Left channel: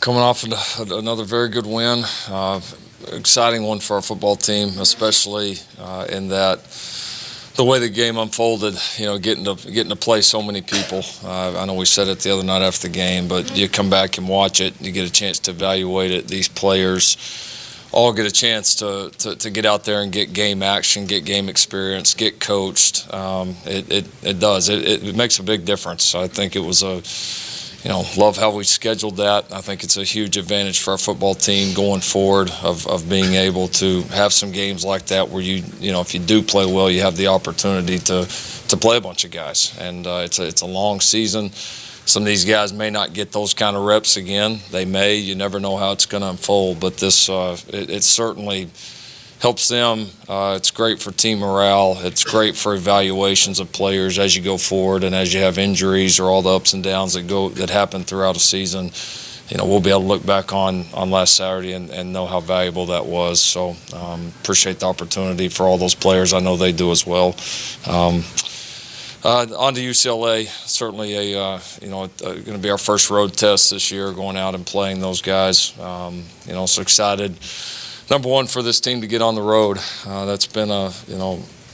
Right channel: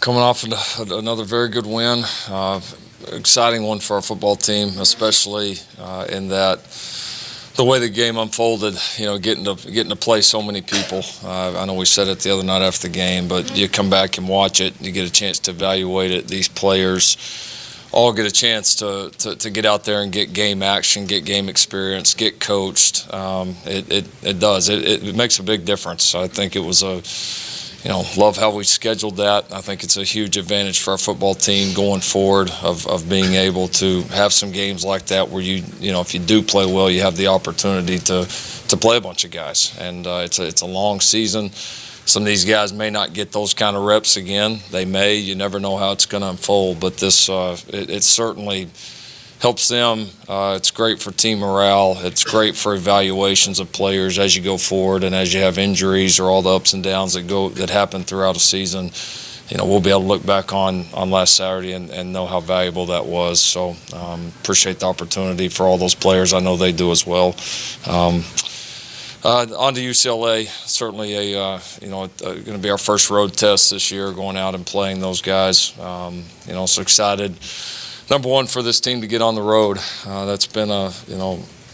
Coming off another very good win, exciting one for our football team, especially in that the way the game unfolded. Getting to play so many people. I know we said it the other night after the game, but you come back and watch it, you get a chance to evaluate it. These players all get a chance to get out there and get game action, get game experience, get coached. It does. It makes a big difference. I think it was love how we scheduled that. I think it's a huge advantage for our football team going forward of being able to have some games like that where if you do play well, you have the opportunity to play a bunch of guys. And it's a long season. Some of these guys may not get those kind of reps again. They may. You never know how it's going to unfold. But this, it certainly helps them. It's great for team morale. It's great for evaluations of players as you go forward and as you have injuries or all the ups and downs that happen throughout a season. We'll be able to look back on last Saturday and know how valuable that was. So appreciate the opportunity for all those players. I know they do as well. On to UCLA, certainly going to be our first road test this year, going out and playing those guys. So excited. Number one for this team to get on the road. That's been a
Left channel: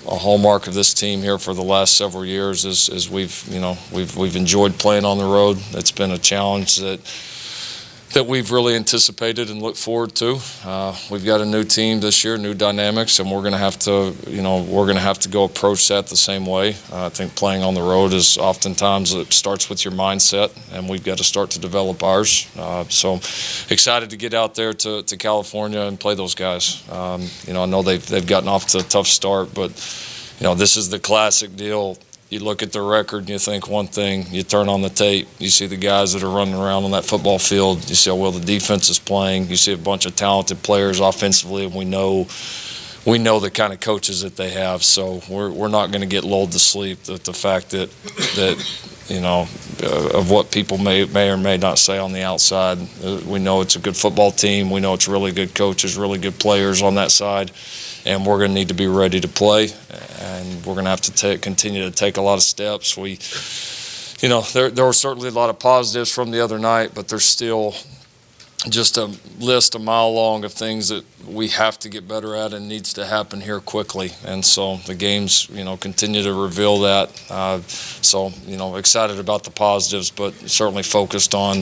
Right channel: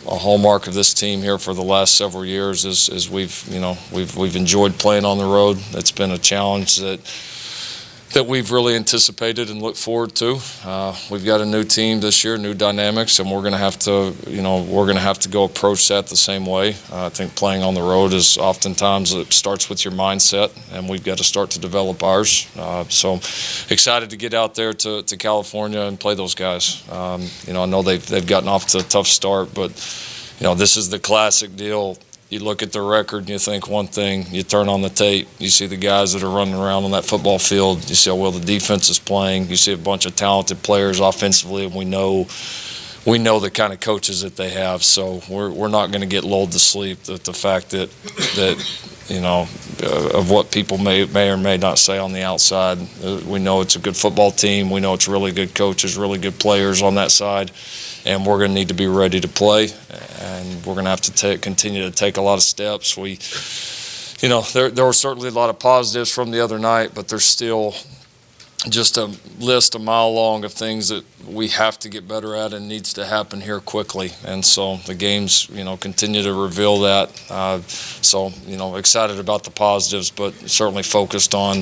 hallmark of this team here for the last several years. Is we've enjoyed playing on the road. It's been a challenge that we've really anticipated and looked forward to. We've got a new team this year, new dynamics, and we're going to have to go approach that the same way. I think playing on the road is oftentimes it starts with your mindset, and we've got to start to develop ours. So excited to get out there to California and play those guys. I know they've gotten off to a tough start, but this is the classic deal. You look at the record and you think one thing, you turn on the tape, you see the guys that are running around on that football field, you see how well the defense is playing, you see a bunch of talented players offensively, and we know the kind of coaches that they have. So we're not going to get lulled to sleep that the fact that of what people may or may not say on the outside. We know it's a good football team. We know it's really good coaches, really good players on that side, and we're going to need to be ready to play. And we're going to have to continue to take a lot of steps. There were certainly a lot of positives from the other night, but there's still just a list a mile long of things that we have to get better at and needs to happen here quickly. And so the games, continue to reveal that. So excited about the positives, but certainly focused on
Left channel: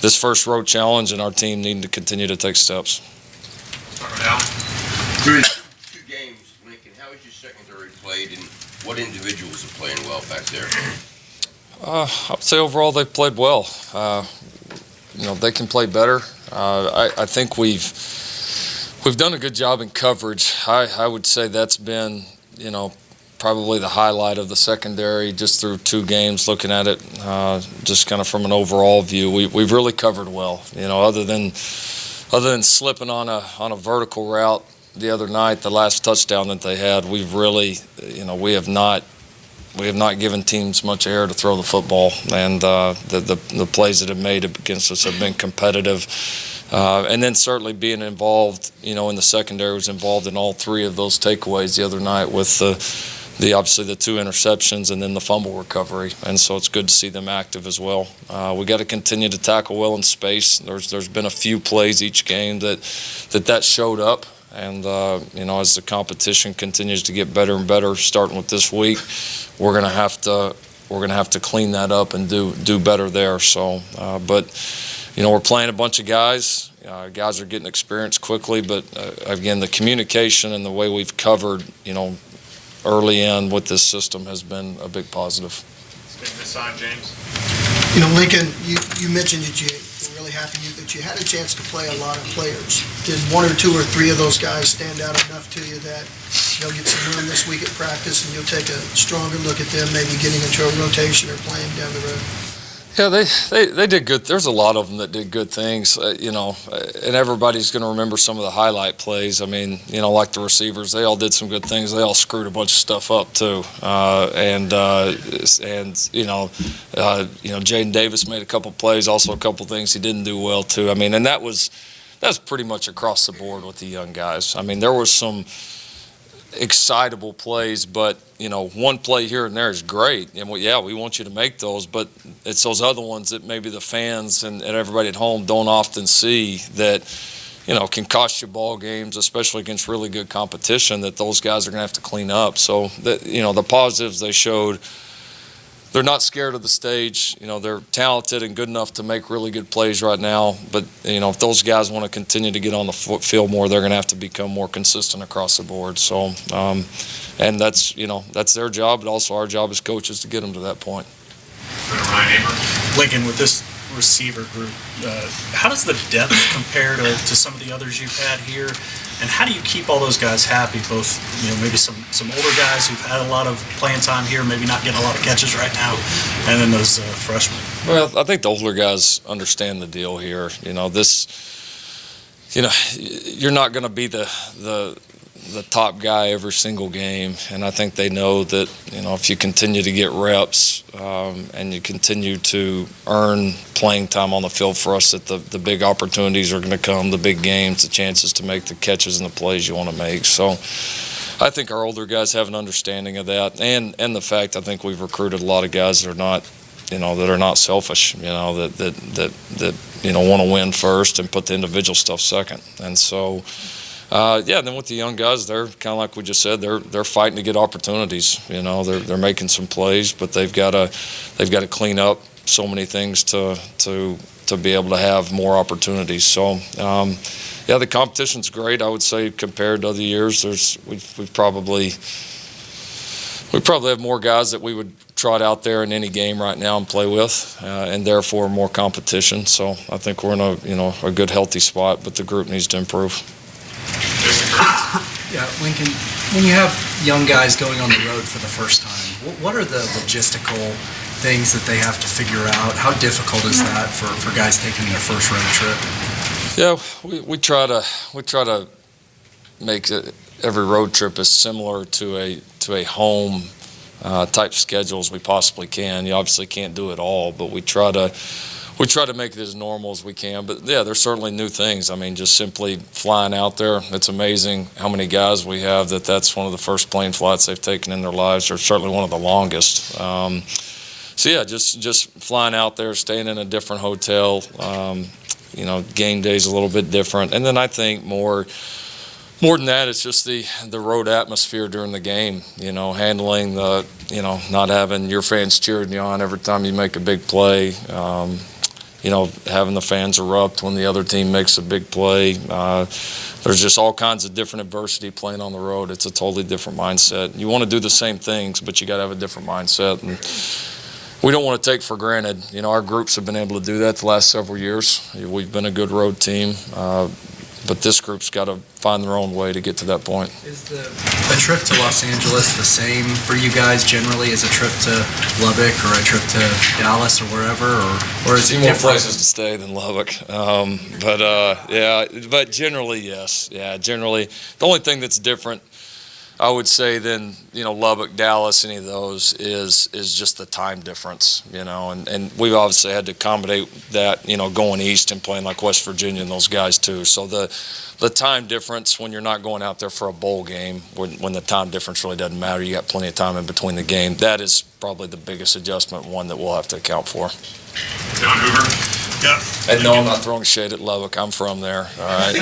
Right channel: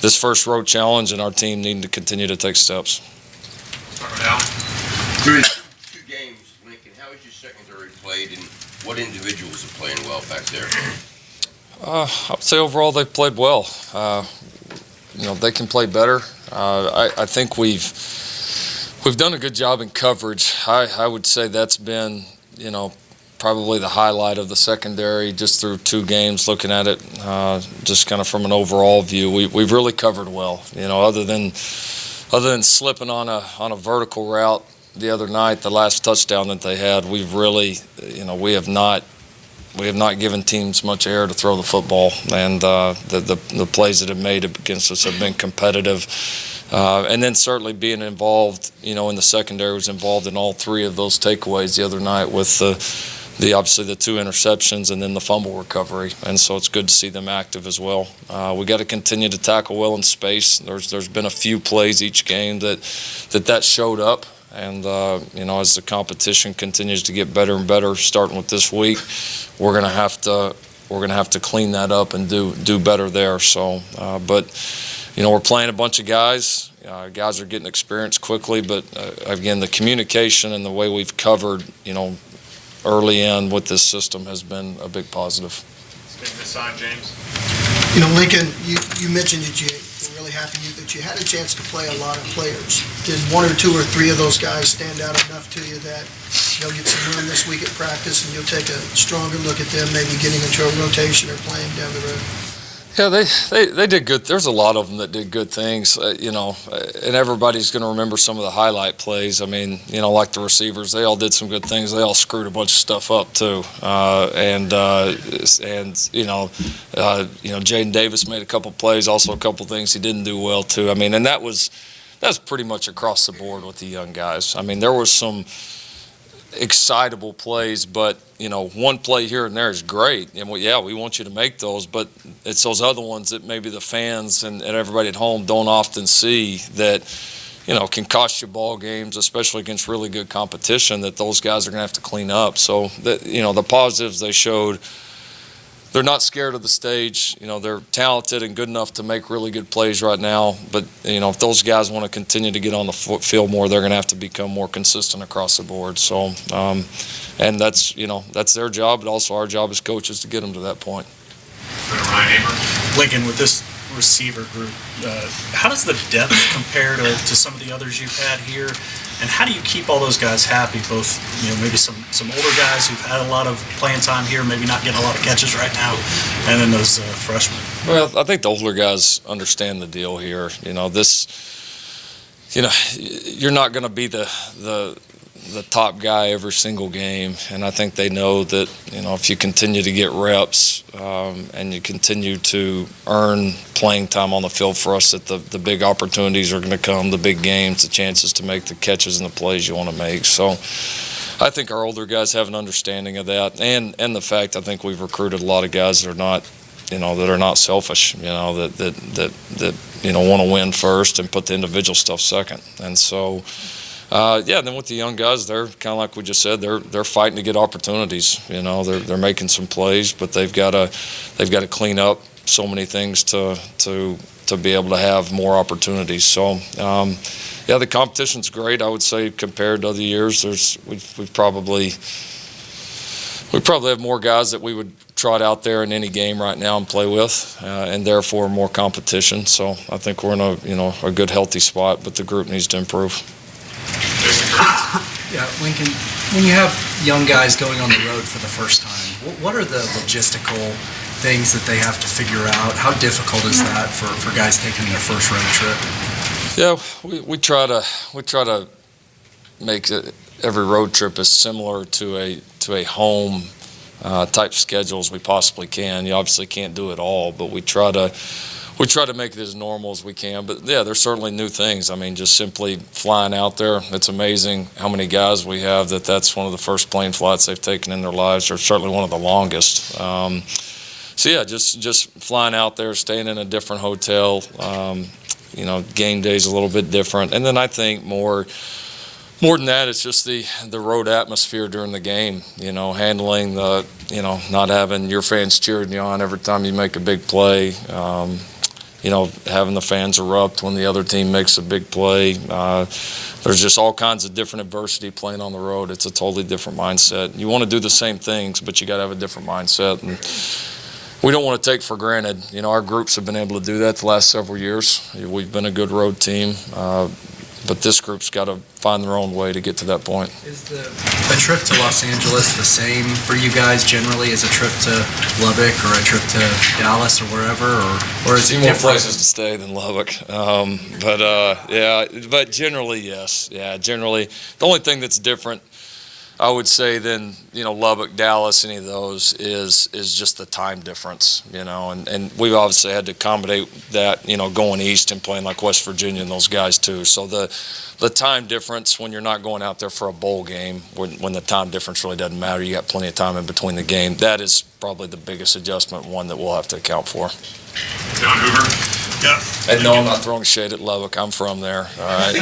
this first road challenge and our team needing to continue to take steps. Through two games, Lincoln, how has your secondary played, and what individuals are playing well back there? I would say overall they played well. They can play better. I think we've done a good job in coverage. I would say that's been, probably the highlight of the secondary just through two games, looking at it just kind of from an overall view. We've really covered well. Other than slipping on a vertical route the other night, the last touchdown that they had, we've really, we have not given teams much air to throw the football, and the plays that have made against us have been competitive. And then certainly being involved, in the secondary, was involved in all three of those takeaways the other night with the obviously the two interceptions and then the fumble recovery. And so it's good to see them active as well. We got to continue to tackle well in space. There's been a few plays each game that showed up. And as the competition continues to get better and better, starting with this week, we're gonna have to clean that up and do better there. So, but we're playing a bunch of guys. Guys are getting experience quickly, but again, the communication and the way we've covered, early in with this system has been a big positive. Stick this on, James. Lincoln, you mentioned that you were really happy that you had a chance to play a lot of players. Did one or two or three of those guys stand out enough to you that you'll get some room this week at practice and you'll take a stronger look at them, maybe getting into a rotation or playing down the road? Yeah, they did good. There's a lot of them that did good things, and everybody's going to remember some of the highlight plays. I mean, like the receivers, they all did some good things. They all screwed a bunch of stuff up too, and Jaden Davis made a couple plays, also a couple things he didn't do well too. I mean, and that was pretty much across the board with the young guys. I mean, there was some excitable plays, but one play here and there is great, and we want you to make those, but it's those other ones that maybe the fans and everybody at home don't often see that can cost you ball games, especially against really good competition, that those guys are going to have to clean up. So that the positives they showed, they're not scared of the stage. They're talented and good enough to make really good plays right now. But if those guys want to continue to get on the field more, they're going to have to become more consistent across the board. So, and that's their job, but also our job as coaches to get them to that point. Ryan Amer. Lincoln, with this receiver group, how does the depth compare to some of the others you've had here? And how do you keep all those guys happy, both maybe some older guys who've had a lot of playing time here, maybe not getting a lot of catches right now, and then those freshmen? Well, I think the older guys understand the deal here. You're not going to be the top guy every single game, and I think they know that if you continue to get reps and you continue to earn playing time on the field for us, that the big opportunities are going to come, the big games, the chances to make the catches and the plays you want to make. So I think our older guys have an understanding of that, and the fact I think we've recruited a lot of guys that are not selfish, that want to win first and put the individual stuff second. And so then with the young guys, they're kind of like we just said, they're fighting to get opportunities. They're making some plays, but they've got to clean up so many things to be able to have more opportunities. So the competition's great. I would say compared to other years, we probably have more guys that we would trot out there in any game right now and play with, and therefore more competition. So I think we're in a good healthy spot, but the group needs to improve. Yeah, Lincoln, when you have young guys going on the road for the first time, what are the logistical things that they have to figure out? How difficult is that for guys taking their first road trip? Yeah, we try to make every road trip as similar to a home type schedule as we possibly can. You obviously can't do it all, but we try to make it as normal as we can. But yeah, there's certainly new things. I mean, just simply flying out there, it's amazing how many guys we have that's one of the first plane flights they've taken in their lives, or certainly one of the longest. So yeah, just flying out there, staying in a different hotel. Game day's a little bit different. And then I think more than that, it's just the road atmosphere during the game, handling not having your fans cheering you on every time you make a big play, having the fans erupt when the other team makes a big play. There's just all kinds of different adversity playing on the road. It's a totally different mindset. You want to do the same things, but you got to have a different mindset. And we don't want to take for granted. Our groups have been able to do that the last several years. We've been a good road team. But this group's got to find their own way to get to that point. Is a trip to Los Angeles the same for you guys generally as a trip to Lubbock or a trip to Dallas or wherever, or is it more different? Places to stay than Lubbock? But generally, yes. Yeah, generally. The only thing that's different, I would say, than Lubbock, Dallas, any of those is just the time difference, and we've obviously had to accommodate that, going east and playing like West Virginia and those guys too. So the time difference when you're not going out there for a bowl game, when the time difference really doesn't matter, you got plenty of time in between the game. That is probably the biggest adjustment, one that we'll have to account for. John Hoover. Yeah. And no, I'm not throwing shade at Lubbock. I'm from there. All right.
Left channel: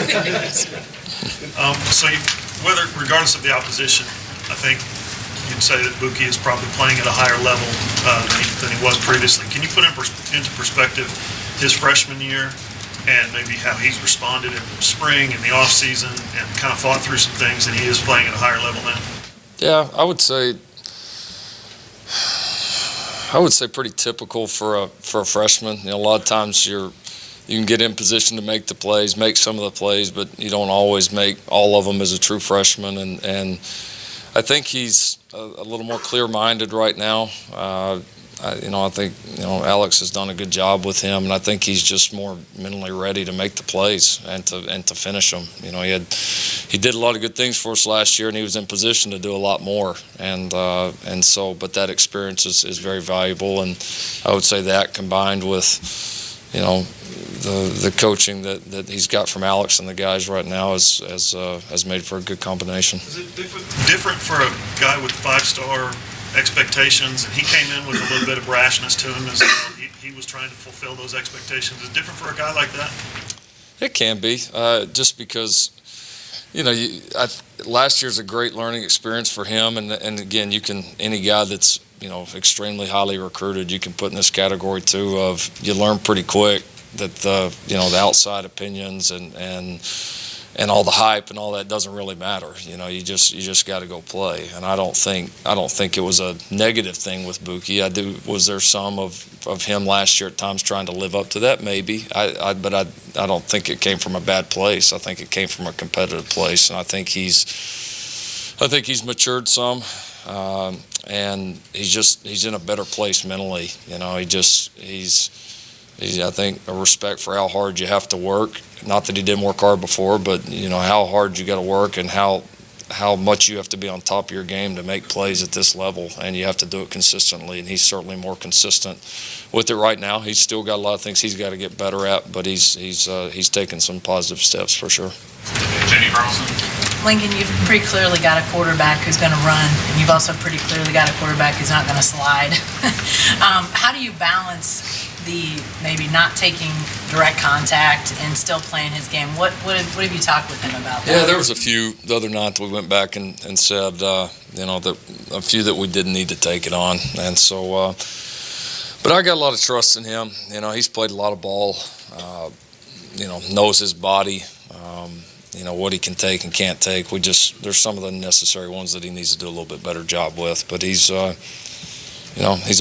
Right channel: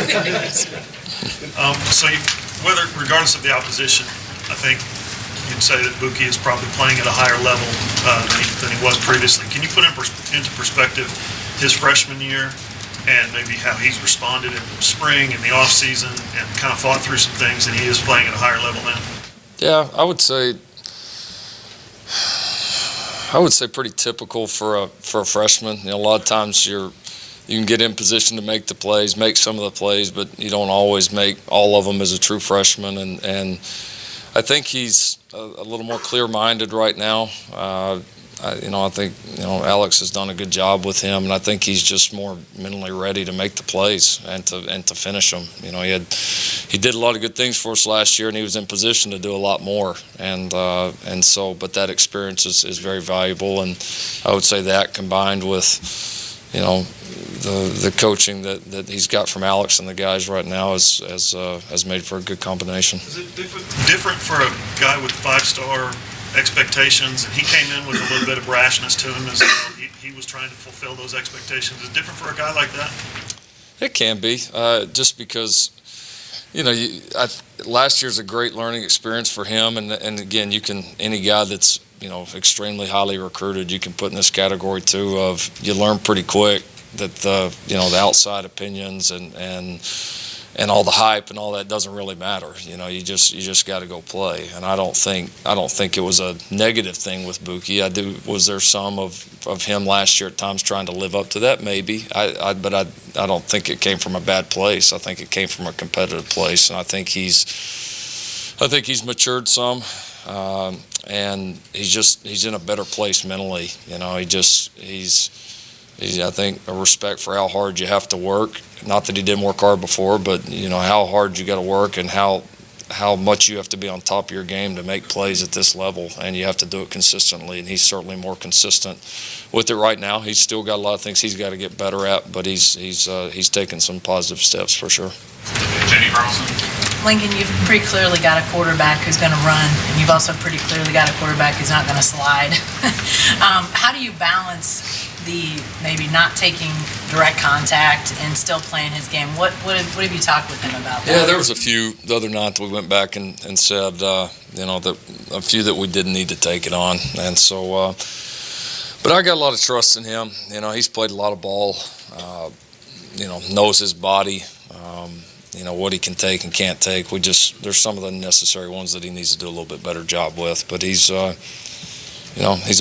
Regardless of the opposition, I think you'd say that Bookie is probably playing at a higher level than he was previously. Can you put into perspective his freshman year and maybe how he's responded in the spring and the off season and kind of fought through some things, and he is playing at a higher level now? Yeah, I would say pretty typical for a freshman. A lot of times you can get in position to make the plays, make some of the plays, but you don't always make all of them as a true freshman. And I think he's a little more clear-minded right now. I think Alex has done a good job with him, and I think he's just more mentally ready to make the plays and to finish them. He did a lot of good things for us last year, and he was in position to do a lot more. But that experience is very valuable, and I would say that combined with the coaching that he's got from Alex and the guys right now has made for a good combination. Is it different for a guy with 5-star expectations, and he came in with a little bit of brashness to him as well? He was trying to fulfill those expectations. Is it different for a guy like that? It can be, just because, last year's a great learning experience for him, and again, any guy that's, extremely highly recruited, you can put in this category too of you learn pretty quick that the outside opinions and all the hype and all that doesn't really matter. You just got to go play. And I don't think it was a negative thing with Bookie. Was there some of him last year at times trying to live up to that? Maybe. But I don't think it came from a bad place. I think it came from a competitive place, and I think he's matured some. And he's in a better place mentally. He's I think a respect for how hard you have to work. Not that he didn't work hard before, but how hard you got to work and how much you have to be on top of your game to make plays at this level, and you have to do it consistently. And he's certainly more consistent with it right now. He's still got a lot of things he's got to get better at, but he's taken some positive steps for sure. Jenny Carlson. Lincoln, you've pretty clearly got a quarterback who's going to run, and you've also pretty clearly got a quarterback who's not going to slide. How do you balance the maybe not taking direct contact and still playing his game? What have you talked with him about that? Yeah, there was a few the other night that we went back and said, that a few that we didn't need to take it on. And so, but I got a lot of trust in him. He's played a lot of ball, knows his body. What he can take and can't take. There's some of the necessary ones that he needs to do a little bit better job with. But he's a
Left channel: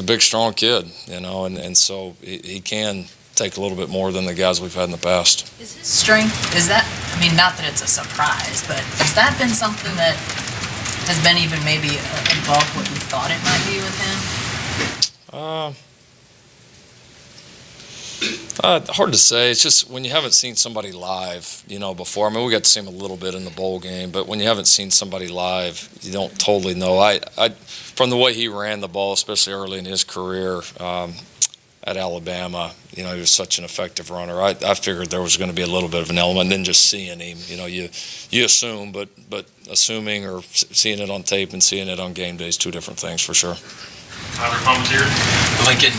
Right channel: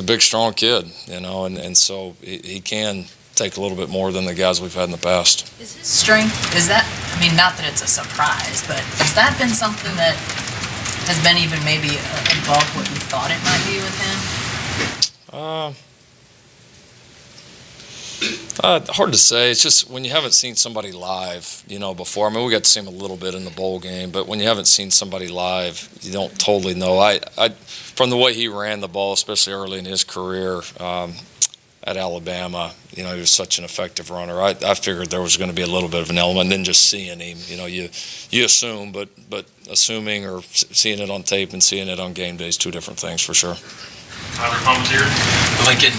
big, strong kid, and so he can take a little bit more than the guys we've had in the past. Is his strength, not that it's a surprise, but has that been something that has been even maybe above what you thought it might be with him? Hard to say. It's just when you haven't seen somebody live, before. We got to see him a little bit in the bowl game, but when you haven't seen somebody live, you don't totally know. From the way he ran the ball, especially early in his career at Alabama, he was such an effective runner. I figured there was going to be a little bit of an element, and then just seeing him, you assume, but assuming or seeing it on tape and seeing it on game day is two different things for sure. Tyler Palmatier. Lincoln,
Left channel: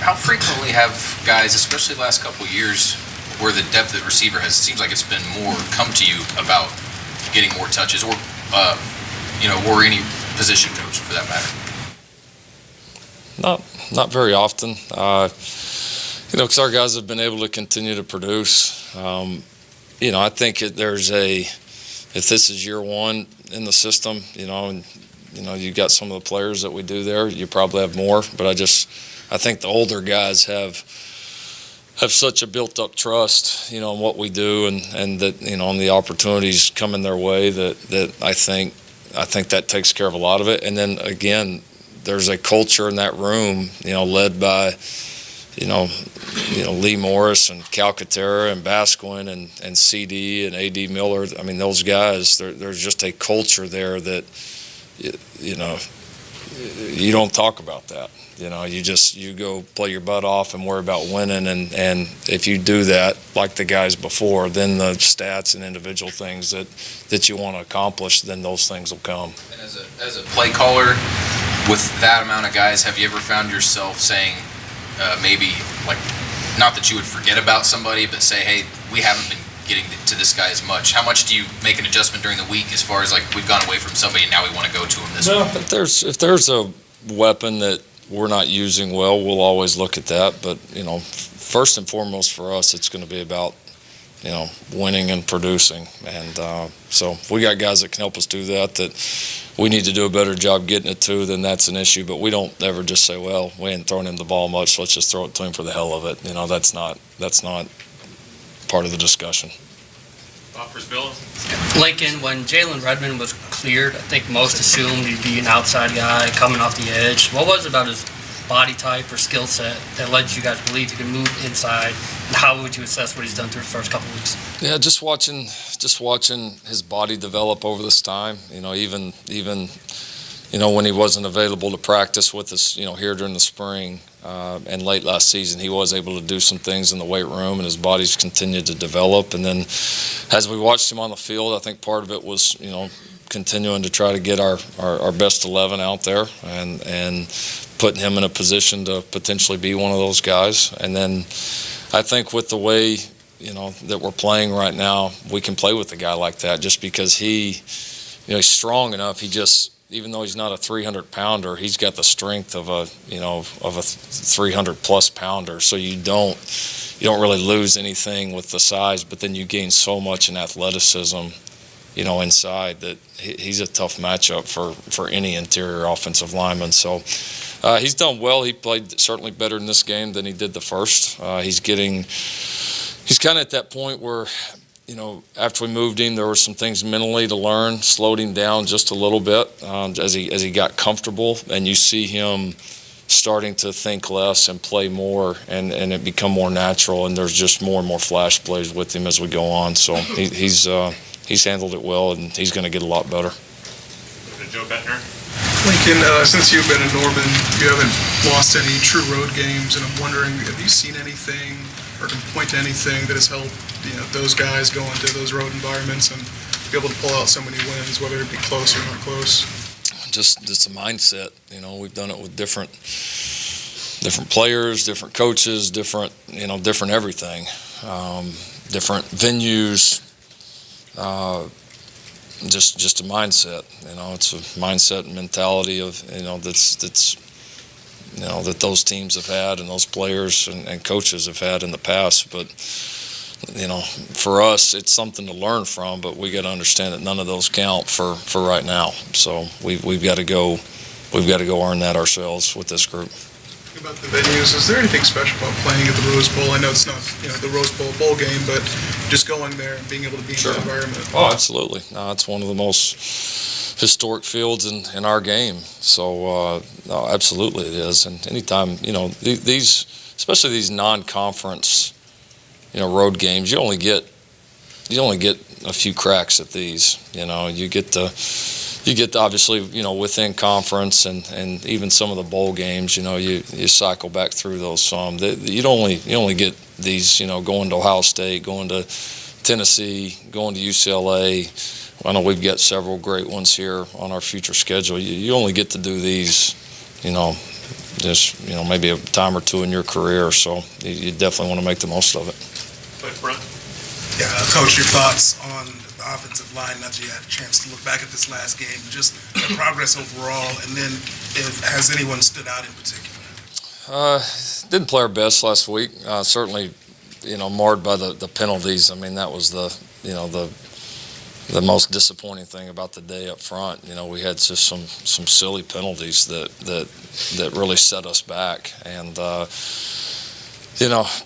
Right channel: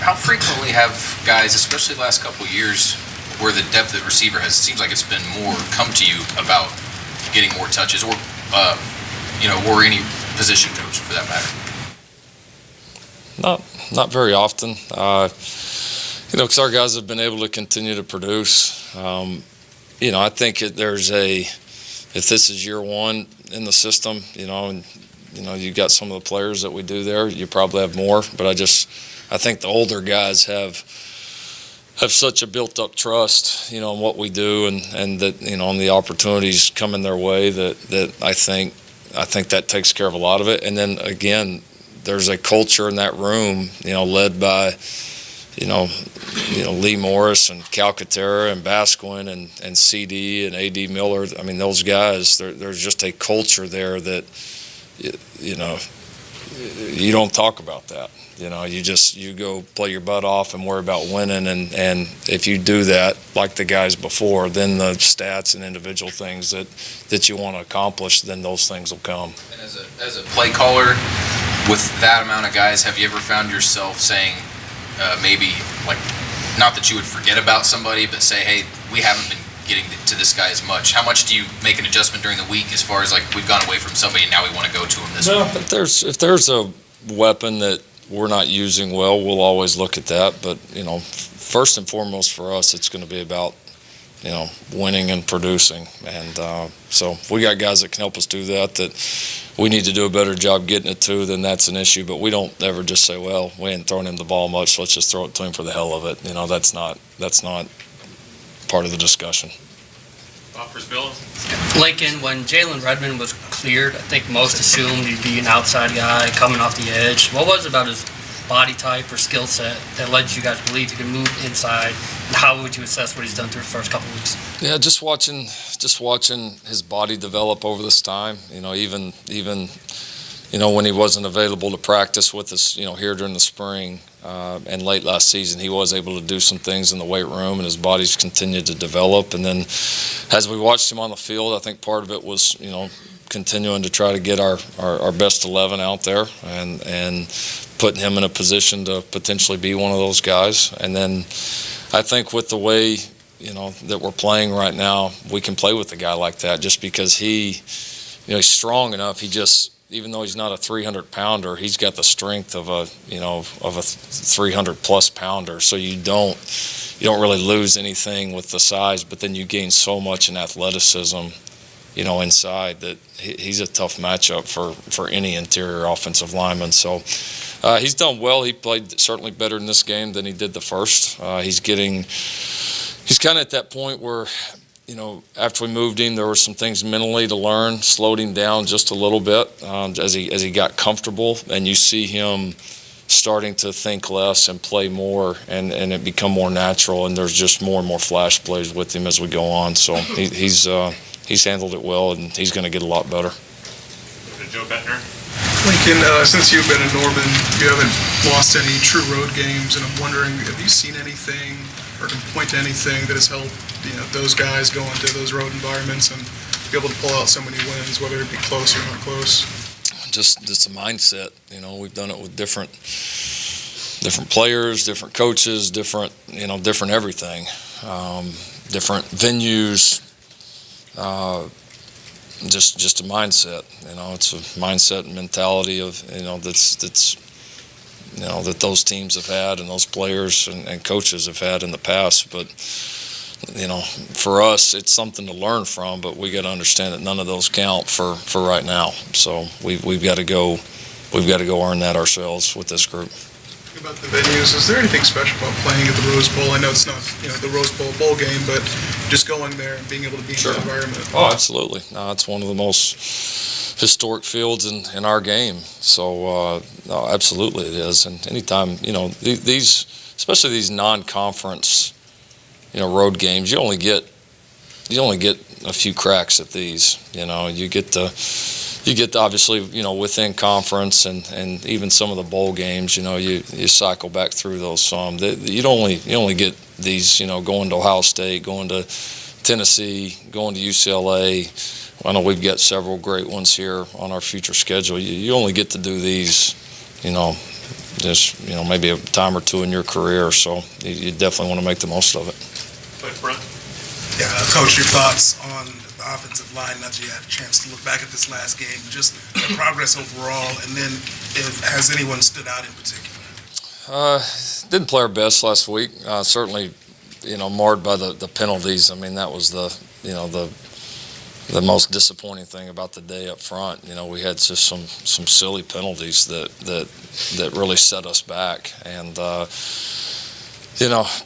how frequently have guys, especially the last couple of years, where the depth at receiver seems like it's been more, come to you about getting more touches, or or any position coach for that matter? Not very often. Because our guys have been able to continue to produce. I think if this is year one in the system, and you got some of the players that we do there, you probably have more, but I think the older guys have such a built-up trust, in what we do, and that, on the opportunities coming their way, that I think that takes care of a lot of it. And then again, there's a culture in that room, led by, Lee Morris and Calcaterra and Basquin and CD and A.D. Miller. Those guys, there's just a culture there that, you don't talk about that. You go play your butt off and worry about winning, and if you do that, like the guys before, then the stats and individual things that you want to accomplish, then those things will come. And as a play caller, with that amount of guys, have you ever found yourself saying, maybe, like, not that you would forget about somebody, but say, hey, we haven't been getting to this guy as much? How much do you make an adjustment during the week as far as, like, we've gone away from somebody and now we want to go to him this week? But if there's a weapon that we're not using well, we'll always look at that. But, first and foremost for us, it's going to be about, winning and producing. And so if we got guys that can help us do that we need to do a better job getting it to, then that's an issue. But we don't ever just say, well, we ain't throwing him the ball much, let's just throw it to him for the hell of it. That's not part of the discussion. Bob Brisbilla. Lincoln, when Jalen Redmond was cleared, I think most assumed he'd be an outside guy coming off the edge. What was it about his body type or skill set that led you guys to believe he could move inside? And how would you assess what he's done through the first couple of weeks? Yeah, just watching his body develop over this time. Even when he wasn't available to practice with us, here during the spring, And late last season, he was able to do some things in the weight room, and his body's continued to develop. And then as we watched him on the field, I think part of it was, continuing to try to get our best 11 out there and putting him in a position to potentially be one of those guys. And then I think with the way, that we're playing right now, we can play with a guy like that just because he's strong enough. He just, even though he's not a 300-pounder, he's got the strength of a 300-plus pounder. So you don't really lose anything with the size, but then you gain so much in athleticism, inside that he's a tough matchup for any interior offensive lineman. So he's done well. He played certainly better in this game than he did the first. He's kind of at that point where, after we moved him, there were some things mentally to learn, slowed him down just a little bit as he got comfortable, and you see him starting to think less and play more, and it become more natural, and there's just more and more flash plays with him as we go on. So he's handled it well, and he's going to get a lot better. Joe Bettner. Lincoln, since you've been in Norman, you haven't lost any true road games, and I'm wondering, have you seen anything or can point to anything that has helped those guys go into those road environments and be able to pull out so many wins, whether it be close or not close? Just a mindset. We've done it with different players, different coaches, different everything, different venues. Just a mindset. It's a mindset and mentality of that those teams have had and those players and coaches have had in the past. But for us, it's something to learn from. But we got to understand that none of those count for right now. So we've got to go earn that ourselves with this group. About the venues, is there anything special about playing at the Rose Bowl? I know it's not the Rose Bowl game, but just going there and being able to be in that environment. Oh, absolutely. It's one of the most historic fields in our game. So absolutely it is. And anytime these, especially these non-conference road games, you only get a few cracks at these. You get to obviously, within conference and even some of the bowl games, you cycle back through those some. You only get these, going to Ohio State, going to Tennessee, going to UCLA. I know we've got several great ones here on our future schedule. You only get to do these, just, maybe a time or two in your career. So you definitely want to make the most of it. Yeah, Coach, your thoughts on the offensive line now that you had a chance to look back at this last game, just the progress overall, and then has anyone stood out in particular? Didn't play our best last week. Certainly, marred by the penalties. I mean, that was the most disappointing thing about the day up front. We had just some silly penalties that really set us back, and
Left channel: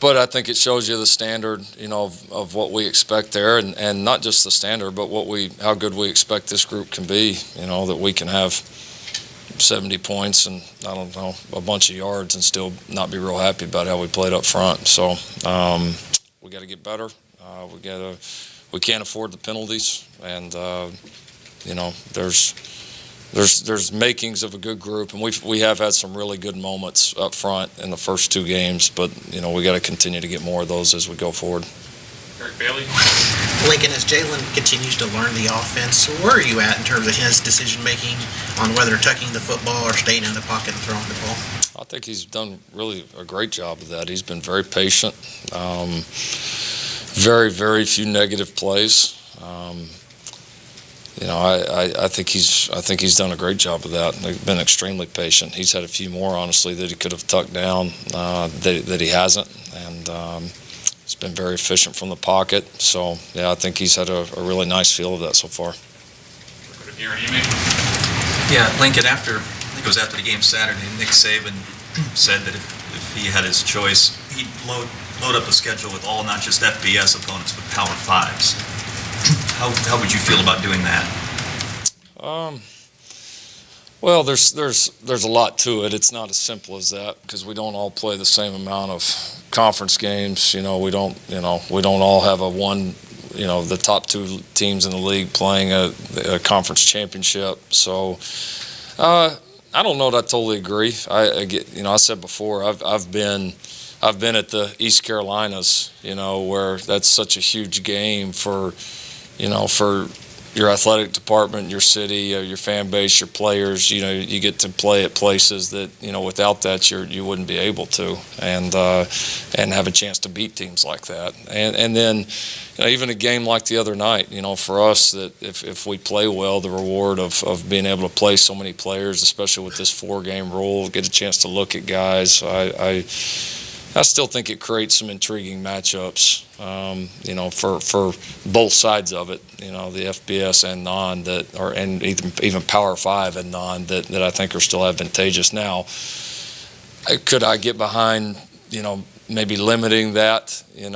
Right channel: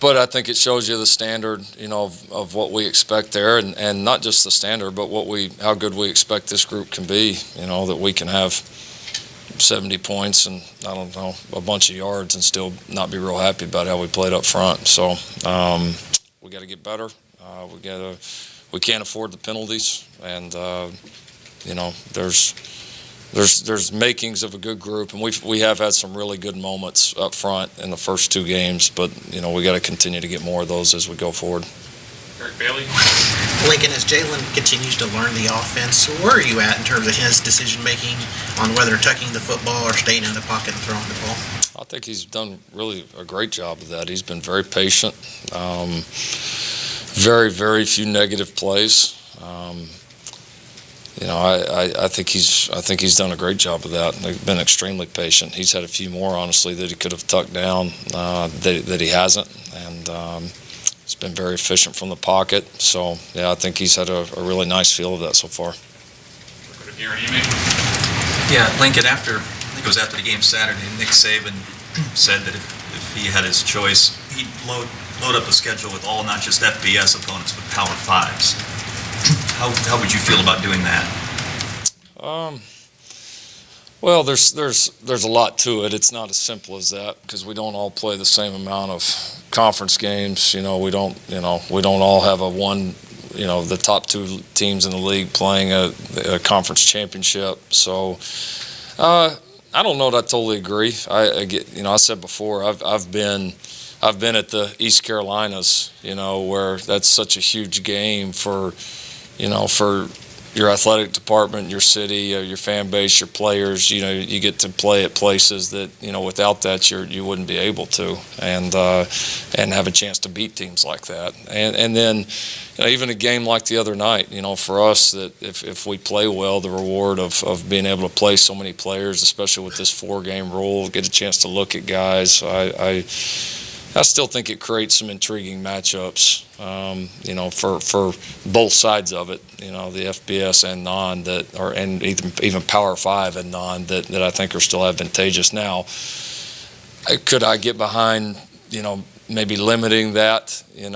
but I think it shows you the standard, of what we expect there, and not just the standard, but how good we expect this group can be. That we can have 70 points and a bunch of yards and still not be real happy about how we played up front. So we got to get better. We can't afford the penalties, and there's makings of a good group, and we have had some really good moments up front in the first two games, but we got to continue to get more of those as we go forward. Eric Bailey. Lincoln, as Jalen continues to learn the offense, where are you at in terms of his decision making on whether tucking the football or staying in the pocket and throwing the ball? I think he's done really a great job of that. He's been very patient. Very, very few negative plays. I think he's done a great job of that. They've been extremely patient. He's had a few more, honestly, that he could have tucked down that he hasn't, and he's been very efficient from the pocket. So I think he's had a really nice feel of that so far. Yeah, Lincoln. I think it was after the game Saturday, Nick Saban said that if he had his choice, he'd load up the schedule with all, not just FBS opponents, but Power Fives. How would you feel about doing that? Well, there's a lot to it. It's not as simple as that because we don't all play the same amount of conference games. We don't all have the top two teams in the league playing a conference championship. So, I don't know that I totally agree. I get, I said before, I've been at the East Carolinas, where that's such a huge game for your athletic department, your city, your fan base, your players. You get to play at places that without that you wouldn't be able to, and have a chance to beat teams like that. And then even a game like the other night, for us, that if we play well, the reward of being able to play so many players, especially with this 4-game rule, get a chance to look at guys. I still think it creates some intriguing matchups, for both sides of it, the FBS and non and even Power 5 and non that I think are still advantageous. Now, could I get behind, maybe limiting that, and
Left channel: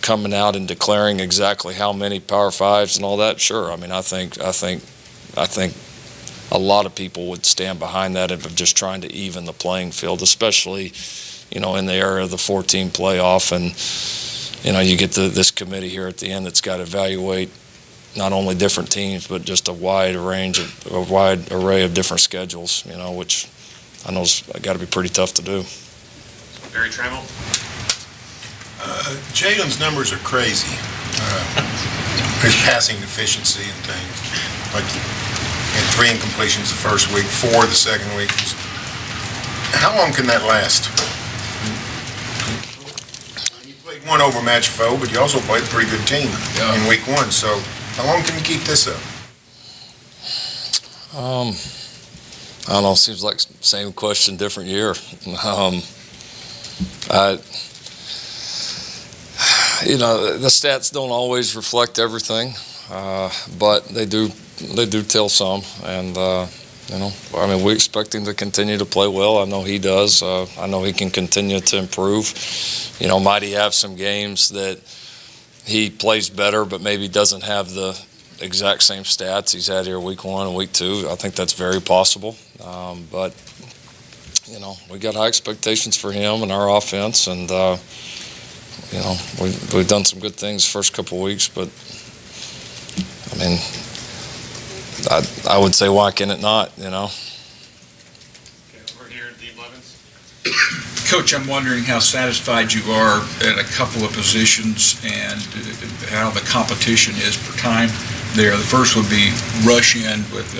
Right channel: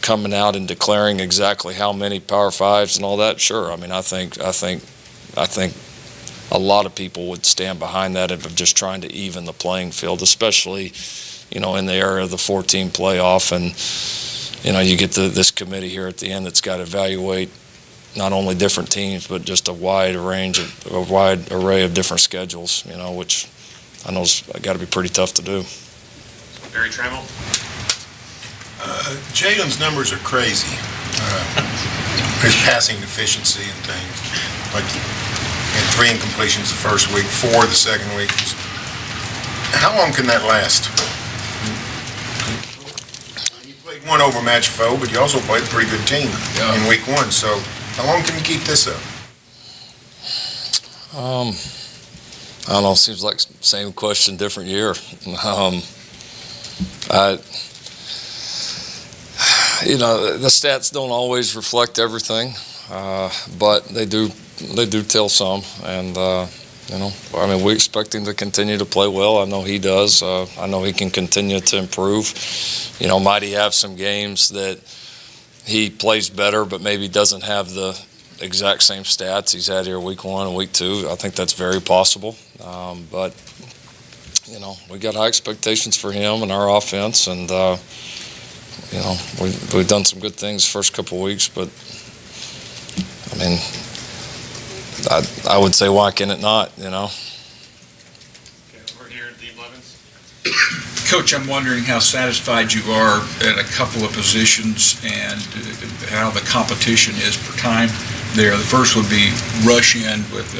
coming out and declaring exactly how many Power 5s and all that? Sure. I mean, I think a lot of people would stand behind that of just trying to even the playing field, especially, in the era of the 14 playoff. And, you get this committee here at the end that's got to evaluate not only different teams, but just a wide array of different schedules, which I know has got to be pretty tough to do. Barry Trammell? Jalen's numbers are crazy. His passing efficiency and things. Like, and 3 incompletions the first week, 4 the second week. How long can that last? You played one overmatched foe, but you also played a pretty good team in week 1. So how long can you keep this up? I don't know. Seems like same question, different year. The stats don't always reflect everything, but they do tell some, and we expect him to continue to play well. I know he does. I know he can continue to improve. Might he have some games that he plays better, but maybe doesn't have the exact same stats he's had here week 1 and week 2. I think that's very possible. But we got high expectations for him and our offense, and we've done some good things the first couple of weeks, but I mean, I would say, why can it not, Okay, over here, Dean Blevins. Coach, I'm wondering how satisfied you are at a couple of positions and how the competition is per time there. The first would be rush in with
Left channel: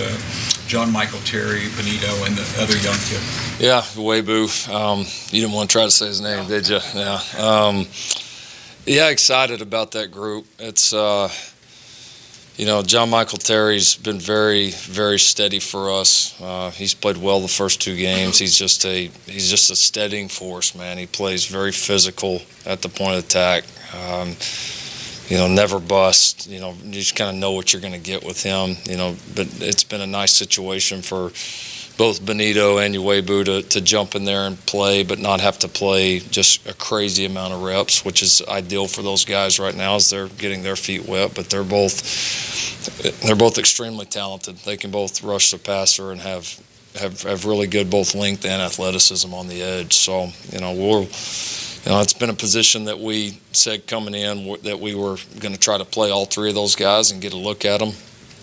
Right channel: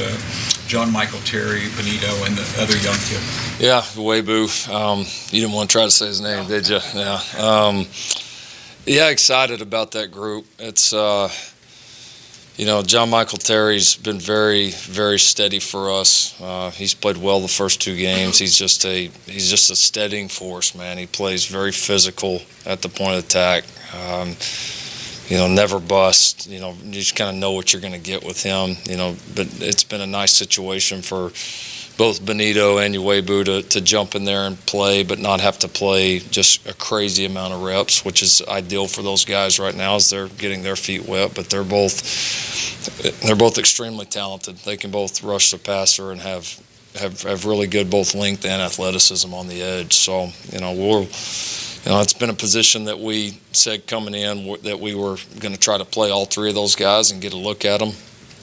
John Michael Terry, Benito, and the other young kid. Yeah, Webu. You didn't want to try to say his name, did you? Yeah. Yeah, excited about that group. It's John Michael Terry's been very, very steady for us. He's played well the first 2 games. He's just a steadying force, man. He plays very physical at the point of attack. Never bust. You just kind of know what you're going to get with him. But it's been a nice situation for both Benito and Uwebu to jump in there and play, but not have to play just a crazy amount of reps, which is ideal for those guys right now as they're getting their feet wet. But they're both extremely talented. They can both rush the passer and have really good both length and athleticism on the edge. So it's been a position that we said coming in that we were going to try to play all 3 of those guys and get a look at them.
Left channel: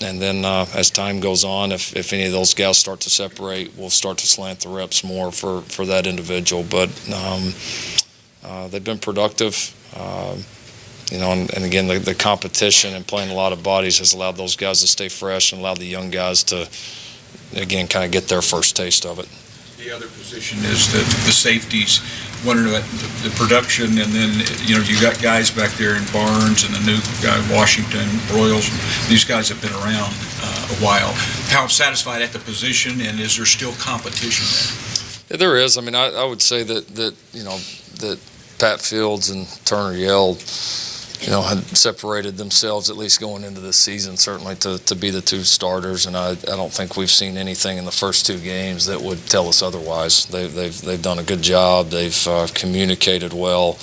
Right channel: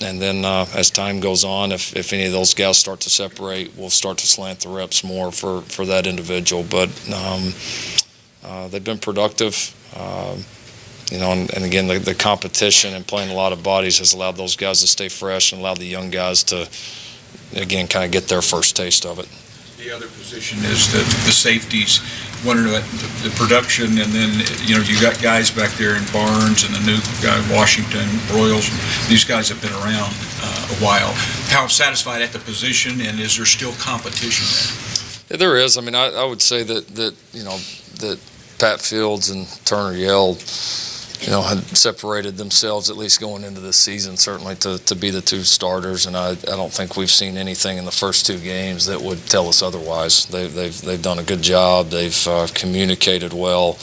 And then as time goes on, if any of those guys start to separate, we'll start to slant the reps more for that individual. But they've been productive, and again, the competition and playing a lot of bodies has allowed those guys to stay fresh and allowed the young guys to, again, kind of get their first taste of it. The other position is the safeties. Wondering about the production, and then you got guys back there in Barnes and the new guy Washington, Royals. These guys have been around a while. How satisfied at the position, and is there still competition there? Yeah, there is. I mean, I would say that Pat Fields and Turner Yell, had separated themselves at least going into this season, certainly to be the 2 starters, and I don't think we've seen anything in the first 2 games that would tell us otherwise. They've done a good job. They've communicated well,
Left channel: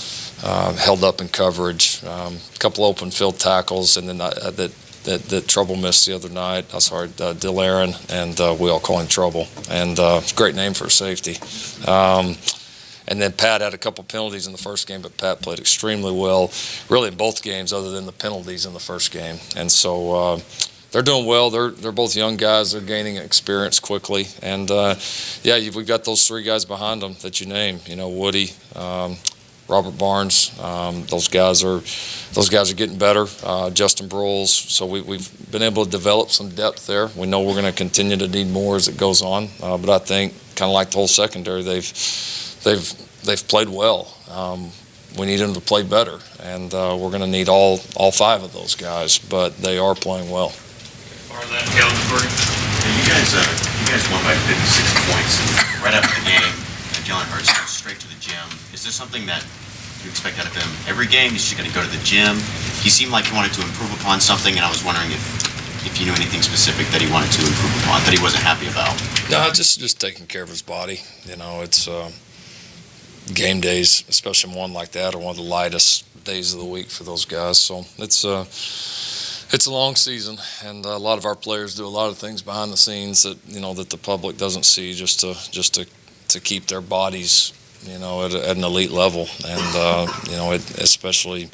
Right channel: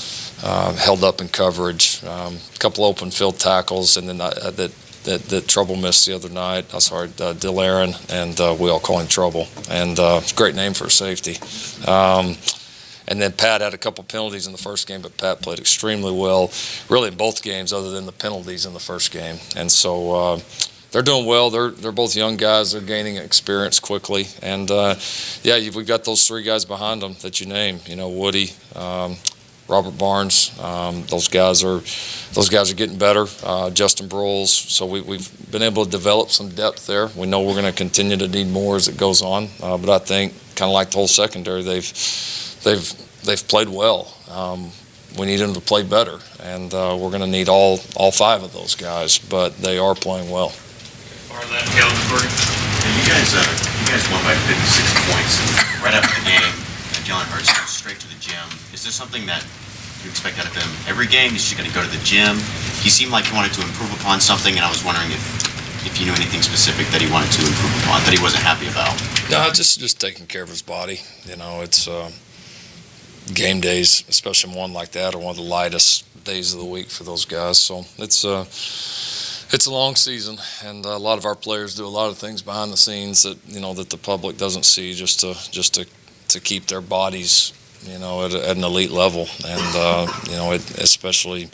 held up in coverage, a couple open field tackles, and then that Trouble missed the other night. Delarin, and we all call him Trouble, and it's a great name for a safety. And then Pat had a couple penalties in the first game, but Pat played extremely well, really in both games other than the penalties in the first game. And so, they're doing well. They're both young guys. They're gaining experience quickly, and we've got those three guys behind them that you named. Woody, Robert Barnes. Those guys are getting better. Justin Broyles. So we've been able to develop some depth there. We know we're going to continue to need more as it goes on. But I think, kind of like the whole secondary, they've played well. We need them to play better, and we're going to need all five of those guys. But they are playing well. You guys won by 56 points, and right after the game, Jalen Hurts goes straight to the gym. Is there something that you expect out of him every game? He's just going to go to the gym. He seemed like he wanted to improve upon something, and I was wondering if you knew anything specific that he wanted to improve upon, that he wasn't happy about. No, just taking care of his body. It's game days, especially one like that, are one of the lightest days of the week for those guys. So it's a long season, and a lot of our players do a lot of things behind the scenes that that the public doesn't see, just to keep their bodies at an elite level. And especially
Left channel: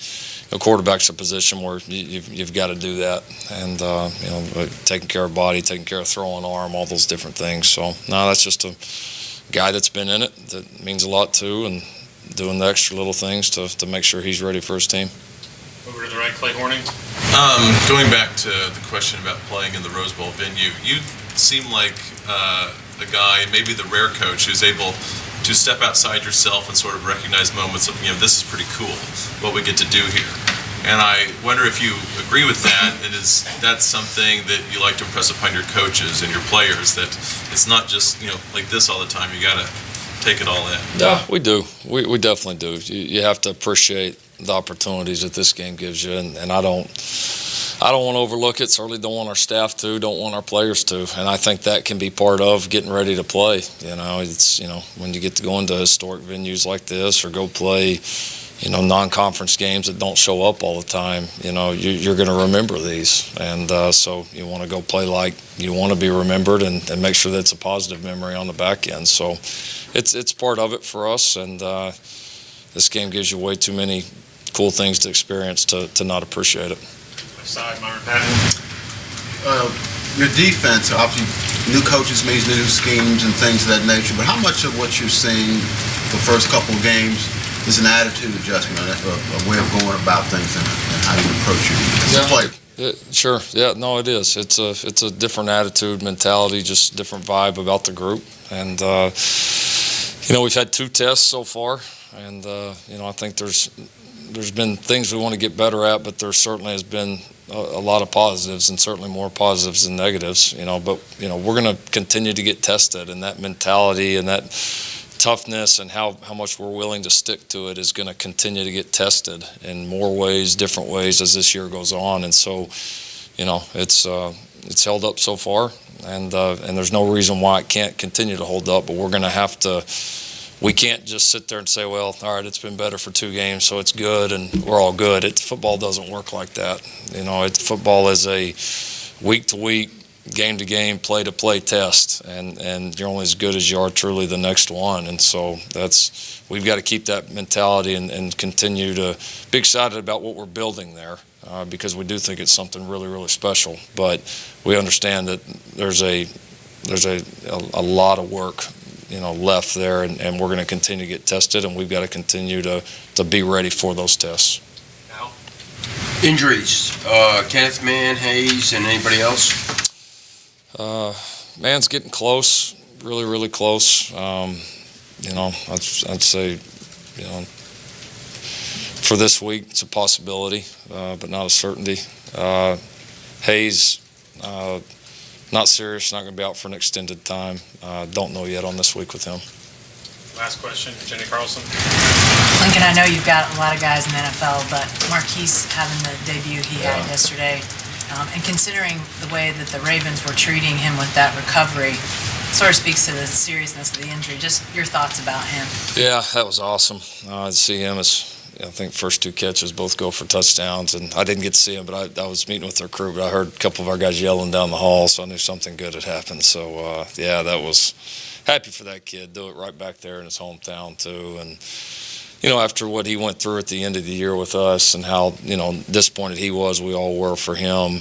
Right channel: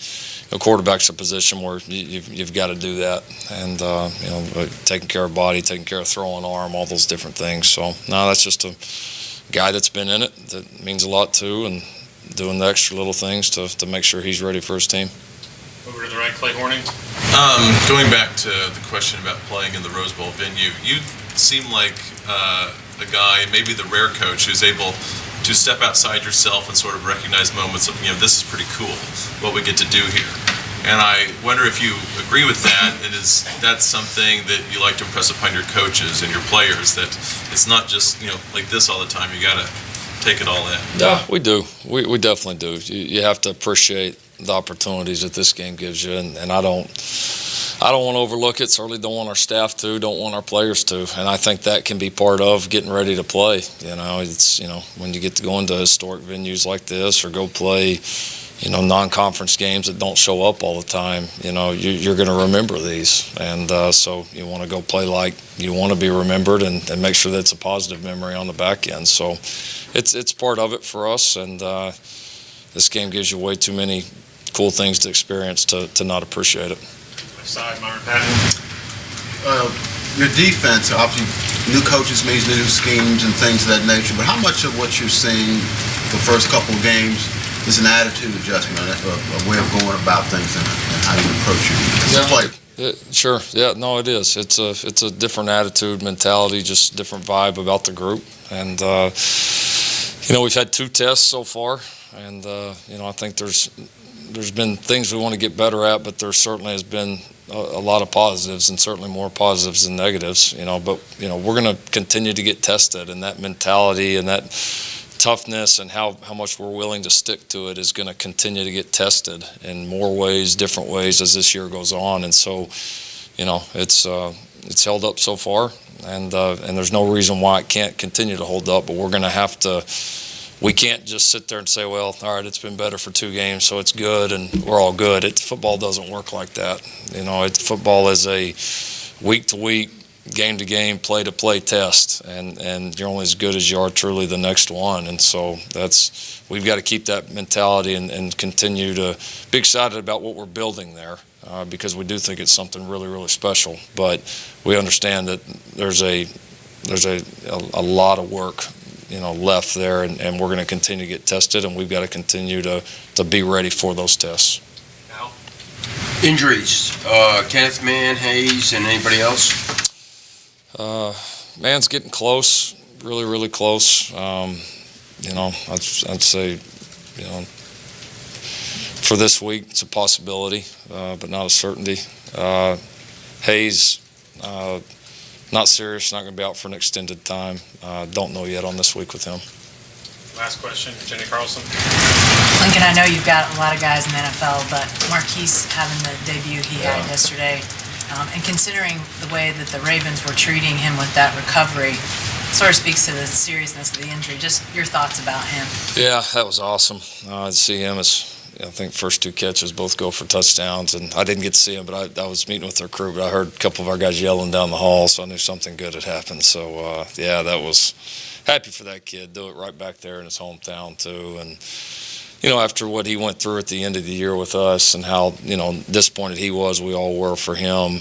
quarterback's a position where you've got to do that, and taking care of body, taking care of throwing arm, all those different things. So no, that's just a guy that's been in it that means a lot too, and doing the extra little things to make sure he's ready for his team. Over to the right, Clay Horning. Going back to the question about playing in the Rose Bowl venue, you seem like a guy, maybe the rare coach, who's able to step outside yourself and sort of recognize moments of, this is pretty cool, what we get to do here. And I wonder if you agree with that, and is that something that you like to impress upon your coaches and your players, that it's not just, like this all the time, you got to take it all in? Yeah, we do. We definitely do. You have to appreciate the opportunities that this game gives you, and I don't want to overlook it. Certainly don't want our staff to, don't want our players to, and I think that can be part of getting ready to play. It's when you get to go into historic venues like this, or go play non-conference games that don't show up all the time. You're going to remember these, and so you want to go play like you want to be remembered, and make sure that's a positive memory on the back end. So it's part of it for us, and this game gives you way too many cool things to experience to not appreciate it. Side, Myron Patton. Your defense, obviously, new coaches means new schemes and things of that nature, but how much of what you're seeing the first couple of games is an attitude adjustment, a way of going about things and how you approach your defense? Sure. Yeah, no, it is. It's a different attitude, mentality, just different vibe about the group. And, we've had 2 tests so far, and, I think there's been things we want to get better at, but there certainly has been a lot of positives, and certainly more positives than negatives, but, we're going to continue to get tested, and that mentality and that toughness and how much we're willing to stick to it is going to continue to get tested in more ways, different ways as this year goes on. And so, it's held up so far, and there's no reason why it can't continue to hold up, but we're going to have to. We can't just sit there and say, well, all right, it's been better for 2 games, so it's good, and we're all good. Football doesn't work like that. Football is a week-to-week, game-to-game, play-to-play test, and you're only as good as you are truly the next one. And so we've got to keep that mentality and continue to be excited about what we're building there, because we do think it's something really, really special. But we understand that there's a lot of work left there, and we're going to continue to get tested, and we've got to continue to be ready for those tests. Injuries, Kenneth Mann, Hayes, and anybody else? Mann's getting close, really, really close. I'd say, for this week, it's a possibility, but not a certainty. Hayes, not serious, not going to be out for an extended time. Don't know yet on this week with him. Last question, Jenny Carlson. Lincoln, I know you've got a lot of guys in the NFL, but Marquise having the debut he had yesterday, and considering the way that the Ravens were treating him with that recovery, sort of speaks to the seriousness of the injury. Just your thoughts about him. Yeah, that was awesome. To see him I think first 2 catches both go for touchdowns, and I didn't get to see him, but I was meeting with their crew, but I heard a couple of our guys yelling down the hall, so I knew something good had happened. So, that was happy for that kid. Do it right back there in his hometown, too. And, after what he went through at the end of the year with us and how, disappointed he was, we all were for him.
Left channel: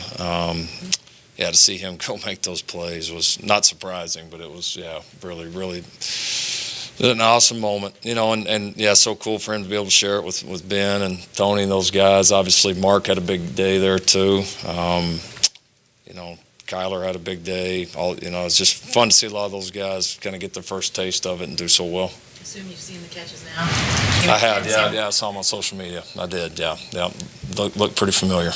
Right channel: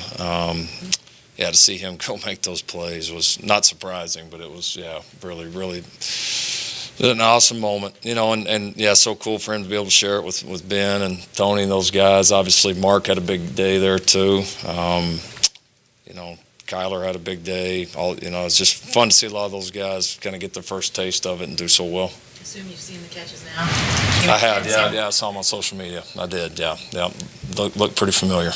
yeah, to see him go make those plays was not surprising, but it was, yeah, really, really an awesome moment, you know, and yeah, so cool for him to be able to share it with Ben and Tony and those guys. Obviously, Mark had a big day there too. You know, Kyler had a big day. You know, it's just fun to see a lot of those guys kind of get their first taste of it and do so well. I assume you've seen the catches now? I have, yeah, I saw them on social media. I did, yeah. Look pretty familiar.